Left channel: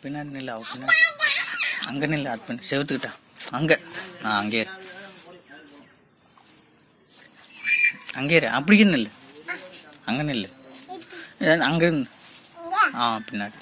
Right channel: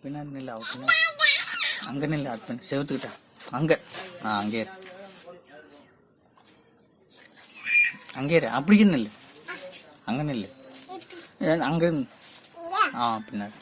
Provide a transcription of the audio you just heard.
பின்னாடி நில்ல அவ பின்னாடி அங்கே நில்ல அது பண்ணி செவத்துக்கிட்டா அங்கே அங்கே அங்கே அப்படியே நில்லு அங்கே நில்லு அங்கே பின்னாடி